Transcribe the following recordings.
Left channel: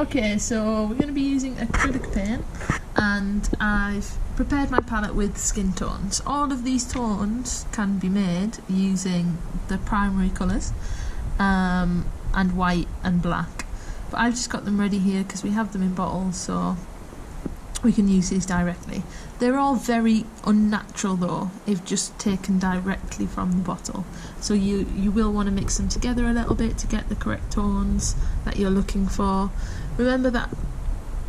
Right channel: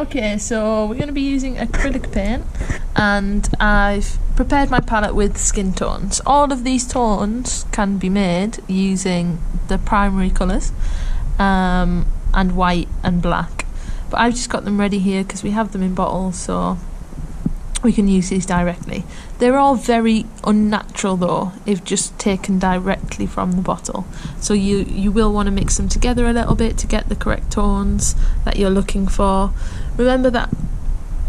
Okay, so we're going to be using acrylic paint, and I've prepared my palette with skin tones. All of these tones can be made using the primary colours, and white and black. But I've just got them ready here because we have them in bottles, so we can use these directly. They're all very unnatural though, if just taken directly from the bottle. So you will want to mix them together a little bit to get the correct tones that you're looking for. Remember that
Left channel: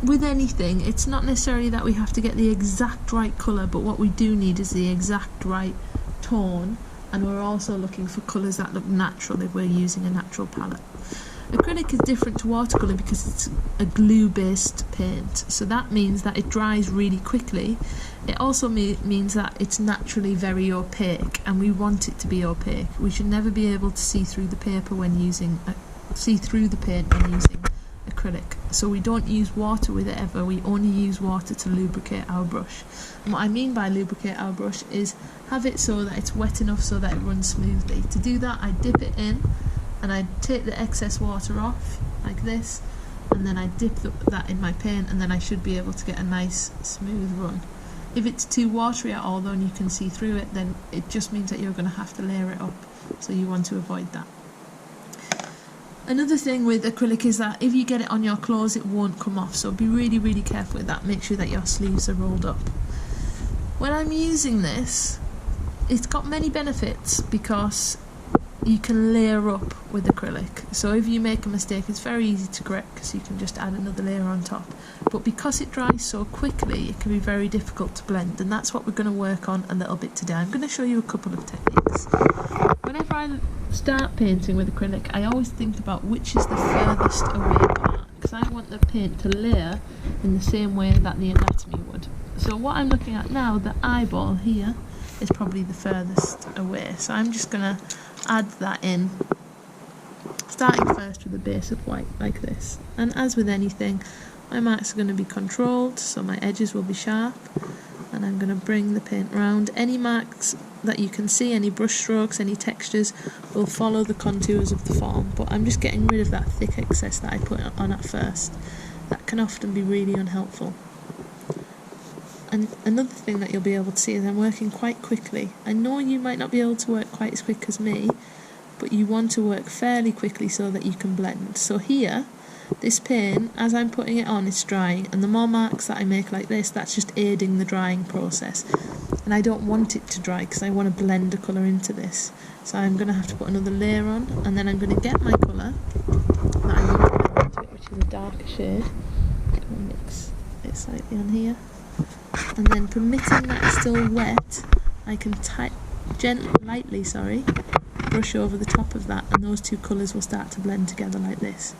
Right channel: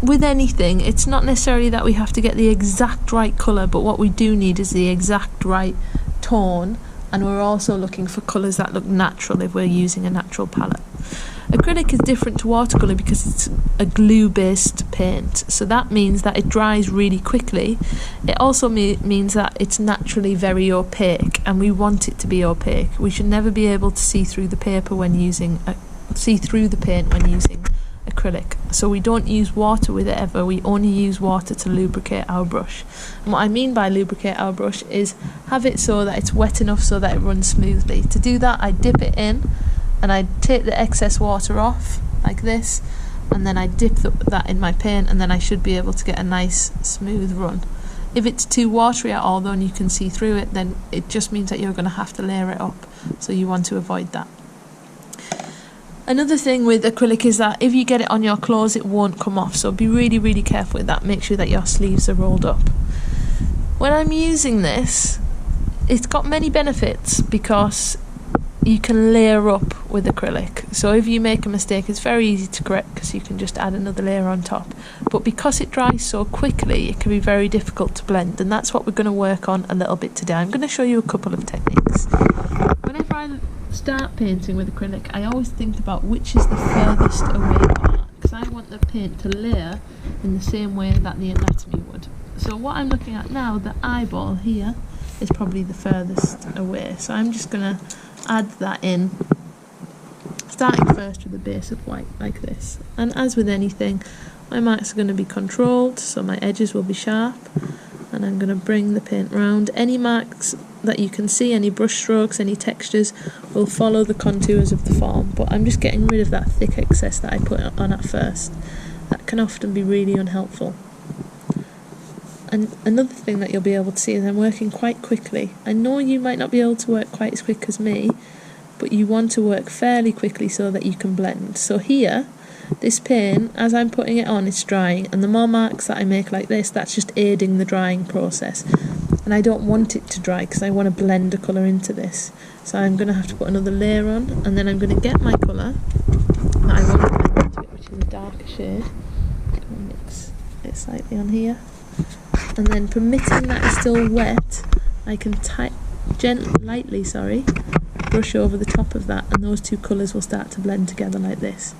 with anything, it's not necessarily that we have to get the exact right colour, but what we do need is the exact right tone, and we're also looking for colours that look natural if we're using a natural palette. Acrylic is different to watercolour because it's a glue-based paint, so that means that it dries really quickly. It also means that it's naturally very opaque, and we want it to be opaque. We should never be able to see through the paper when using see through the paint when using acrylic. So we don't use water with it ever. We only use water to lubricate our brush. And what I mean by lubricate our brush is have it so that it's wet enough so that it runs smoothly. To do that, I dip it in, and I take the excess water off like this, and then I dip that in my paint, and then I should be able to get a nice smooth run. If it's too watery at all though and you can see through it, then it just means that you're going to have to layer it up, so you want to avoid that. Another thing with acrylic is that if you get it on your clothes, it won't come off, so be really careful with that. Make sure that your sleeves are rolled up. When I'm using this, it's got many benefits because you can layer up with acrylic. So if you make a mistake, it's very easy to correct because you can just add another layer on top. But because it dries so quickly, it can be very difficult to blend, and that's what we're going to work on a little bit today. I'm going to show you a couple of techniques. Whenever I start painting with acrylic, I always think about which is the furthest away part, because I want the paint to layer in the same way that the anatomy would. So what I'm looking at now, the eyeball here, is probably the furthest away. So I'm just going to add that in, starting first with a base of white like this. And as with anything, my marks are going to be controlled, so my edges will be sharp, and I'm going to bring the paint round. Any marks that you can see, any brush strokes, any textures, will follow the contours of the form, but I'm just getting rid of that thick excess that I put on at first. That can often be really unhelpful. And another thing that you'll be able to see is I'm working quite quickly. I know you might not be able to work quite as quick as me, but you want to work fairly quickly so that you can blend. So here, this paint, as I'm putting it on, it's drying, and the more marks that I make like this, that's just aiding the drying process. And I don't want it to dry because I want to blend a colour into this. So I'm going to have to put another layer on, and then I'm going to get my colour that I want to blend into it, which is a darker shade. I'm going to mix it slightly on here. And then, permitting that it's still wet, I can lightly brush over the top of that, and those two colours will start to blend together like this.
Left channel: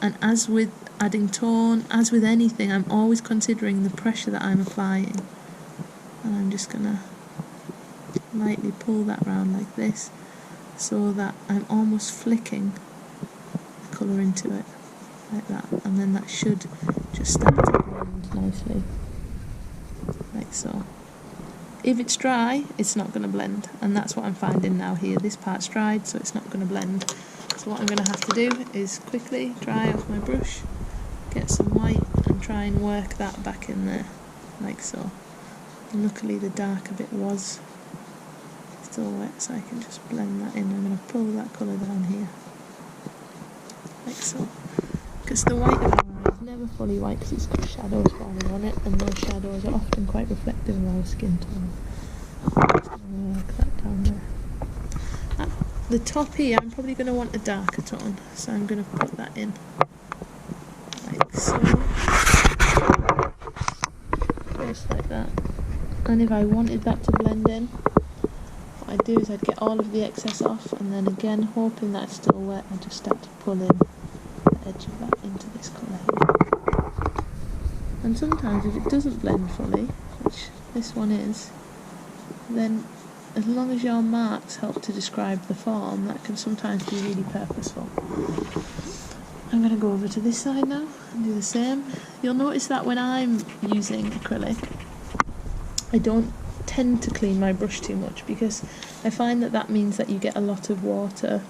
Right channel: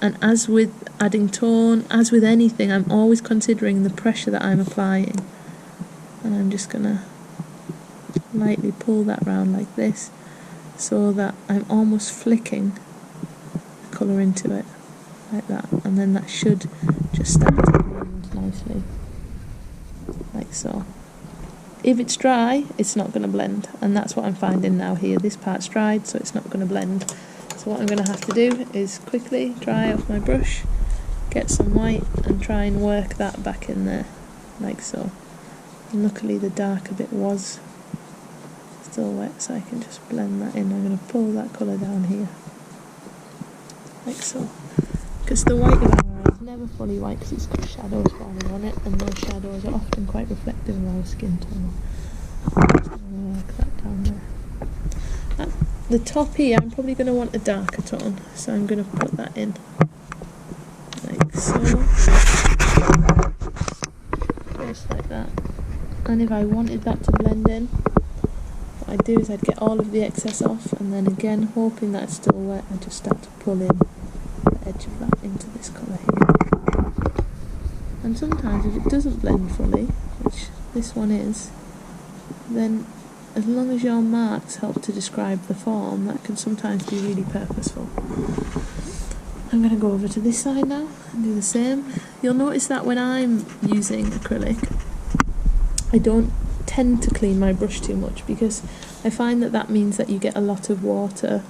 And as with adding tone, as with anything, I'm always considering the pressure that I'm applying. And I'm just going to lightly pull that round like this, so that I'm almost flicking the colour into it, like that. And then that should just start to blend nicely, like so. If it's dry, it's not going to blend, and that's what I'm finding now here. This part's dried, so it's not going to blend. So what I'm going to have to do is quickly dry off my brush, get some white, and try and work that back in there, like so. And luckily the darker bit was still wet, so I can just blend that in. I'm going to pull that colour down here, like so. Because the white of our eye is never fully white because it's got shadows forming on it, and those shadows are often quite reflective of our skin tone. I'm just going to work that down there. At the top here, I'm probably going to want a darker tone, so I'm going to put that in, like so. Just like that. And if I wanted that to blend in, what I'd do is I'd get all of the excess off, and then again, hoping that it's still wet, I just start to pull in the edge of that into this colour here. And sometimes if it doesn't blend fully, which this one is, then as long as your marks help to describe the form, that can sometimes be really purposeful. I'm going to go over to this side now and do the same. You'll notice that when I'm using acrylic, I don't tend to clean my brush too much, because I find that that means that you get a lot of water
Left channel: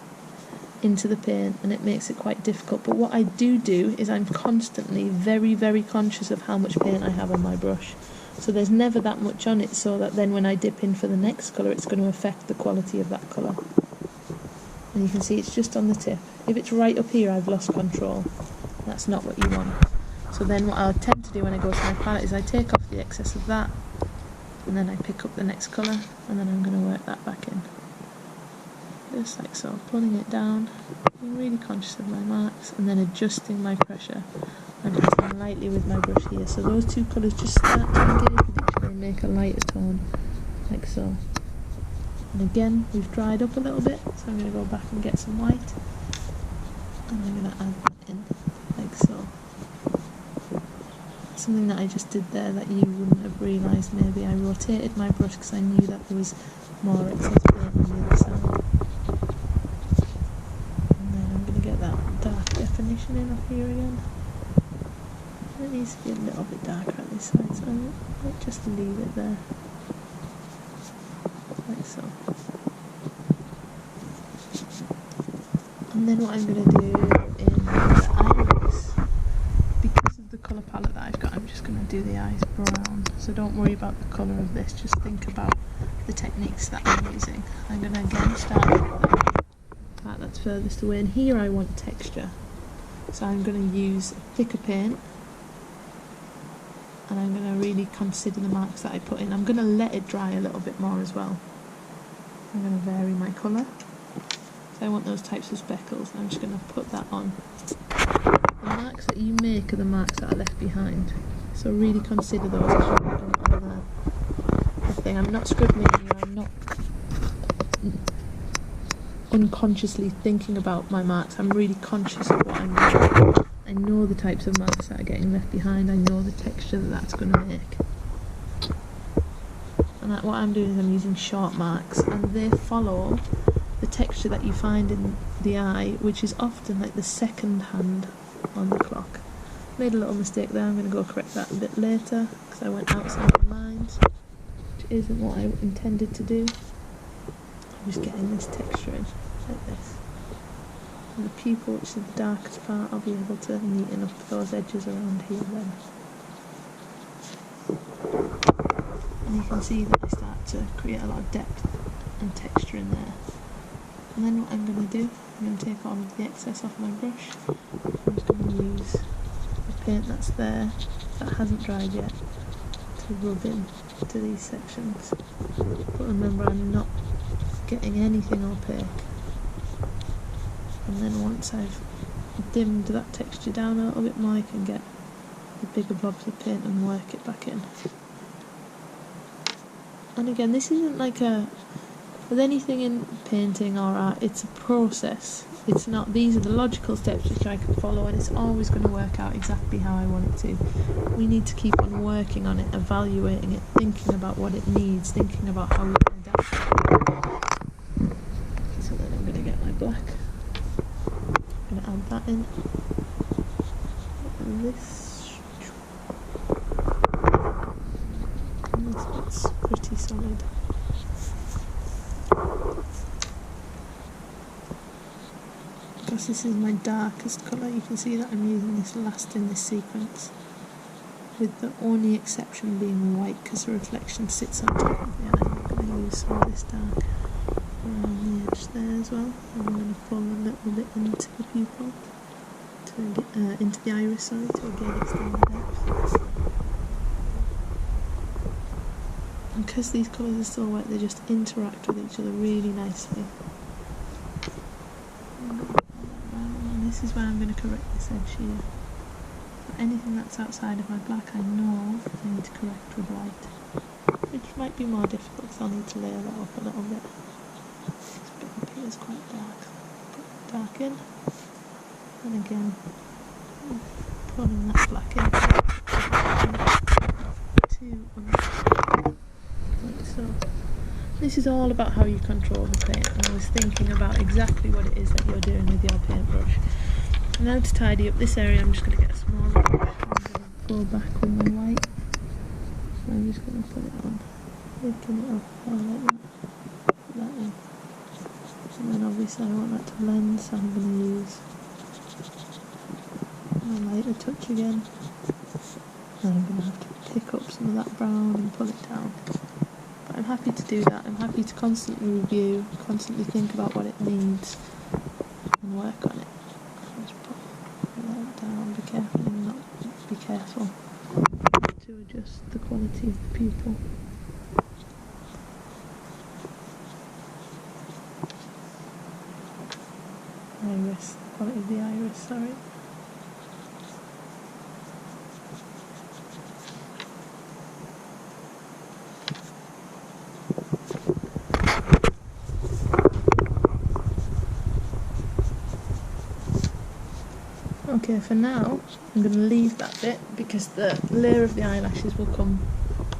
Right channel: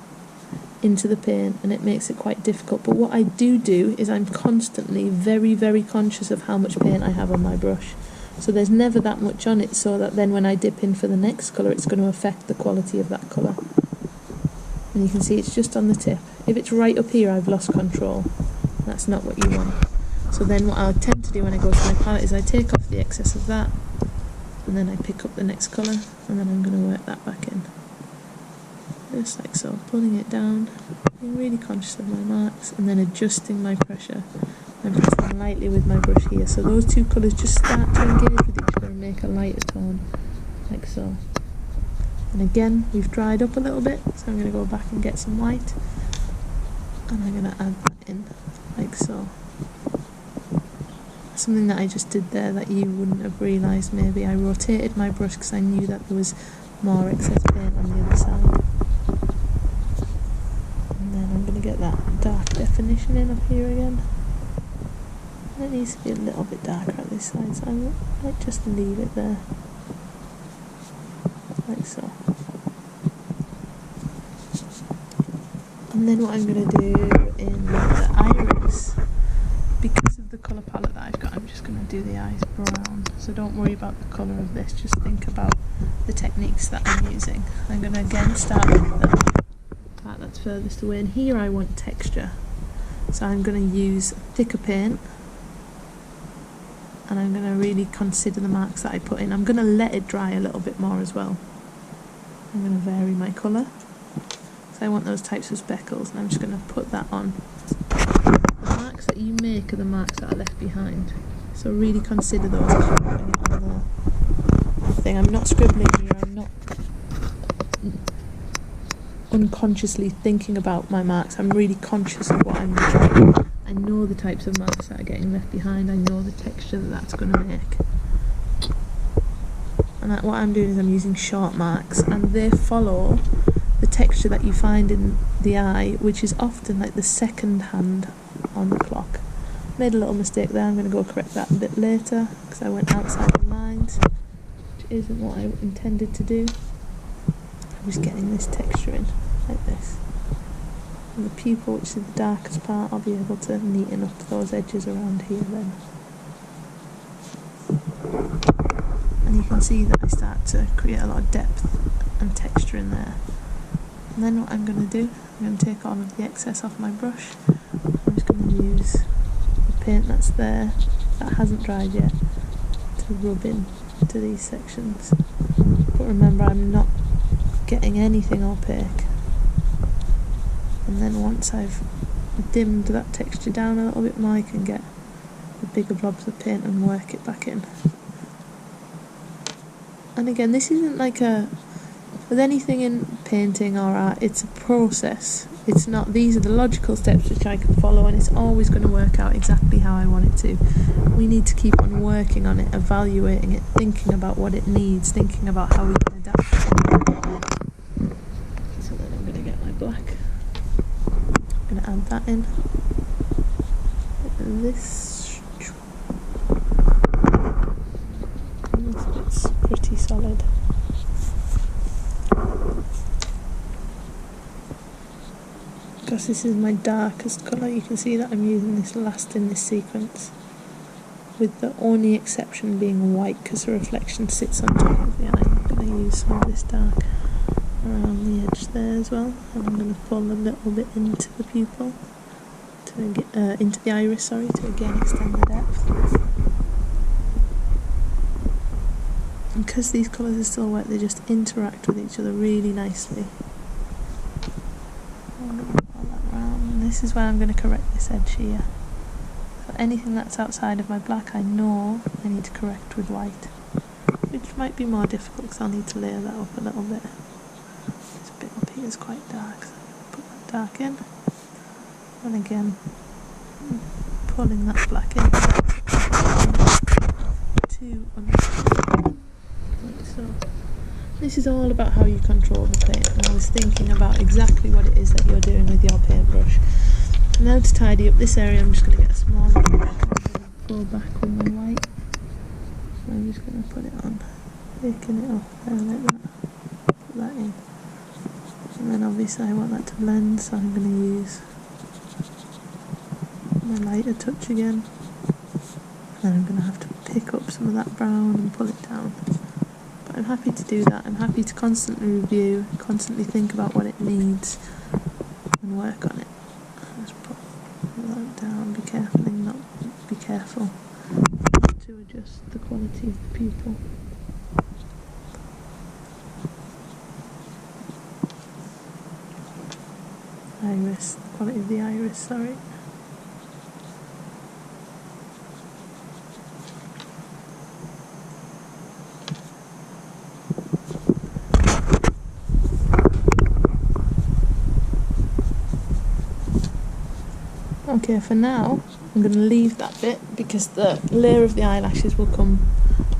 into the paint, and it makes it quite difficult. But what I do is I'm constantly very, very conscious of how much paint I have on my brush. So there's never that much on it, so that then when I dip in for the next colour, it's going to affect the quality of that colour. And you can see it's just on the tip. If it's right up here, I've lost control. That's not what you want. So then what I'll tend to do when I go to my palette is I take off the excess of that, and then I pick up the next colour, and then I'm going to work that back in. Just like so, pulling it down, being really conscious of my marks, and then adjusting my pressure. I'm pressing lightly with my brush here, so those two colours just start to engage with each other and make a lighter tone, like so. And again, we've dried up a little bit, so I'm going to go back and get some white, and I'm going to add that in, like so. Something that I just did there that you wouldn't have realised maybe. I rotated my brush because I knew that there was more excess paint on the other side. And then I'm going to get that dark definition in up here again. It needs to be a little bit darker at this side, so I might just leave it there, like so. And then what I'm going to do in the iris, because of the colour palette that I've got, I'm just going to do the eyes brown. So don't worry about the colour of this, just think about the techniques that I'm using. I'm going to again start with the part that's furthest away, and here I want texture. So I'm going to use thicker paint, and I'm going to really consider the marks that I put in. I'm going to let it dry a little bit more as well. I'm going to vary my colour. So I want those types of speckles, and I'm just going to put that on. The marks that you make are the marks that are left behind. So really consider those as you're putting it on the thing. I'm not scribbling here, I'm not unconsciously thinking about my marks. I'm really conscious of what I'm doing. I know the types of marks that are getting left behind. I know the texture that that's going to make. And what I'm doing is I'm using short marks, and they follow the texture that you find in the eye, which is often like the second hand on the clock. Made a little mistake there. I'm going to go correct that a bit later because I went outside the lines, which isn't what I intended to do. I'm just getting this texture in like this. And the pupil, which is the darkest part, I'll be able to neaten up those edges around here then. And you can see that I start to create a lot of depth and texture in there. And then what I'm going to do, I'm going to take all of the excess off my brush. I'm just going to use the paint that's there, that hasn't dried yet, to rub in to these sections. But remember, I'm not getting anything opaque. And then once I've dimmed that texture down a little bit more, I can get the bigger blobs of paint and work it back in. And again, this isn't like with anything in painting or art, it's a process. It's not, these are the logical steps which I can follow, and it's always going to work out exactly how I want it to. We need to keep on working on it, evaluating it, thinking about what it needs, thinking about how we can adapt it. So then I'm going to get my black. I'm going to add that in. This bit's pretty solid. Because this is my darkest colour, you can see that I'm using this last in this sequence, with the only exception being white because the reflection sits on top of the eye. I'm going to use some of this dark around the edge there as well, and I'm going to pull a little bit into the pupil, to get, into the iris, sorry, to again extend the depth. And because these colours are still wet, they just interact with each other really nicely. I'm going to pull that around, and this is where I'm going to correct this edge here. So anything that's outside of my black, I know I need to correct with white, which might be more difficult because I'll need to layer that up a little bit. This bit up here is quite dark, so I'm going to put that dark in, and again pulling that black in to understand, like so. This is all about how you control the paint, and I was thinking about exactly what it is that you're doing with your paintbrush. And now to tidy up this area, I'm just going to get a smaller brush. I'm going to go back with my white. So I'm just going to put it on, picking it up there like that. Put that in. And then obviously I want that to blend, so I'm going to use my lighter touch again. And then I'm going to have to pick up some of that brown and pull it down. But I'm happy to do that. I'm happy to constantly review, constantly think about what it needs and work on it. Just pull that down, be careful not to adjust the quality of the pupil. Iris, the quality of the iris, sorry. Okay, for now I'm going to leave that bit because the layer of the eyelashes will come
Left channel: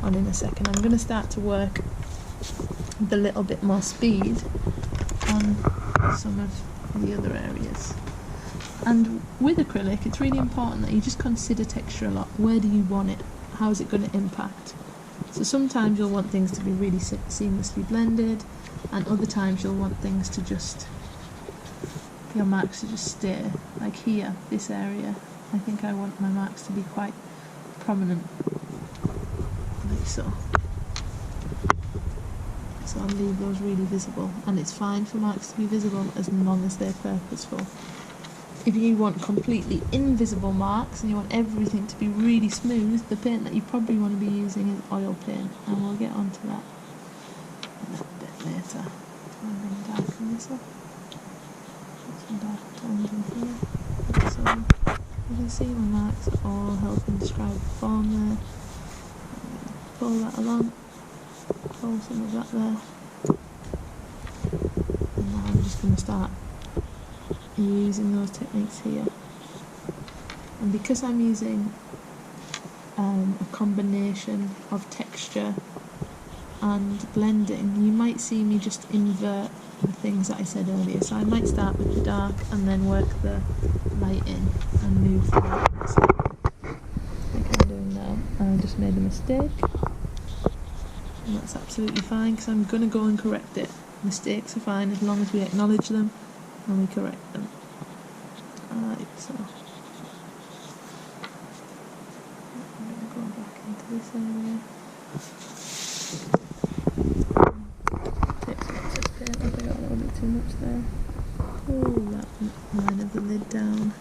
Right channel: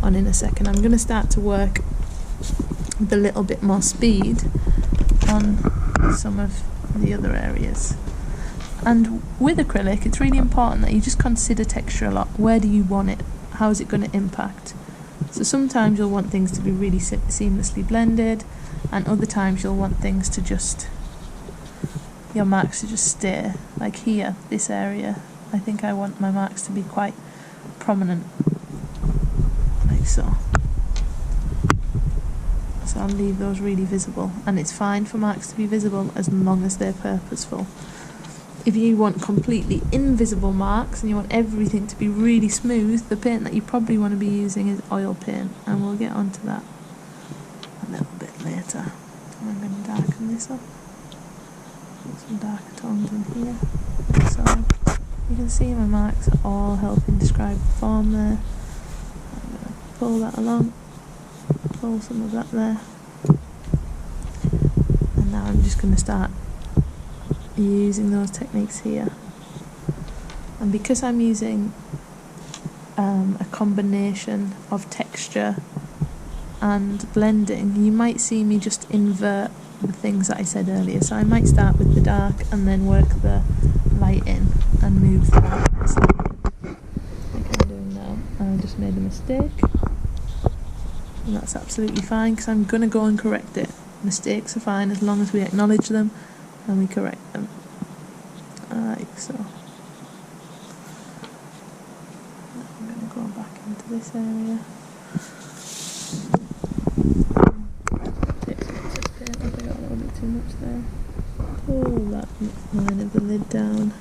on in a second. I'm going to start to work with a little bit more speed on some of the other areas. And with acrylic, it's really important that you just consider texture a lot. Where do you want it? How is it going to impact? So sometimes you'll want things to be really seamlessly blended, and other times you'll want things to just, your marks to just stay. Like here, this area, I think I want my marks to be quite prominent, like so. So I'll leave those really visible, and it's fine for marks to be visible as long as they're purposeful. If you want completely invisible marks and you want everything to be really smooth, the paint that you probably want to be using is oil paint, and we'll get onto that a little bit later. I'm going to darken this up. Put some darker tones in here. Like so. You can see my marks are all helping describe the form there. I'm going to pull that along. Pull some of that there, and now I'm just going to start using those techniques here. And because I'm using a combination of texture and blending, you might see me just invert the things that I said earlier. So I might start with the dark and then work the light in and move the light out slightly, like I'm doing now. I just made a mistake. And that's absolutely fine, because I'm going to go and correct it. Mistakes are fine as long as we acknowledge them and we correct them. Like so. I'm going to go back into this area. Take some excess paint, I think I got a little bit too much there. Pull that line of the lid down.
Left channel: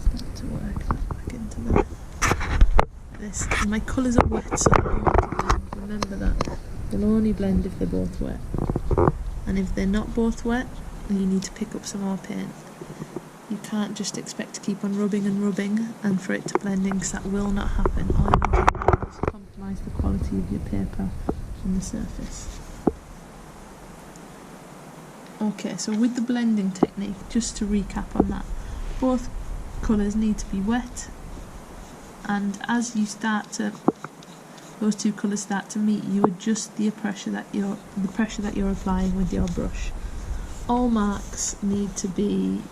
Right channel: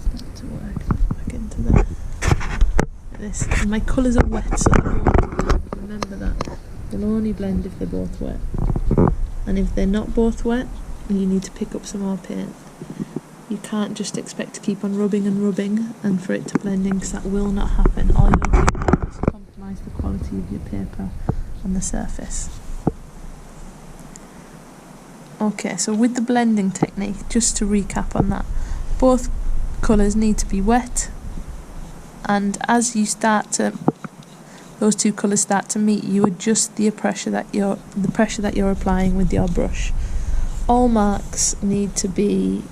Start to work that back into there. Like this. And my colours are wet, so they won't blend. Remember that. They'll only blend if they're both wet. And if they're not both wet, you need to pick up some more paint. You can't just expect to keep on rubbing and rubbing and for it to blend in, because that will not happen. All you'll do is compromise the quality of your paper on the surface. Okay, so with the blending technique, just to recap on that, both colours need to be wet, and as you start to, those two colours start to meet, you adjust the pressure that you're applying with your brush. All marks need to be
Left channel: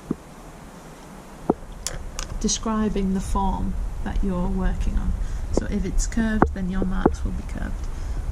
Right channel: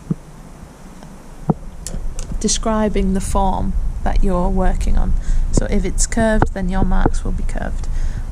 describing the form that you're working on. So if it's curved, then your marks will be curved.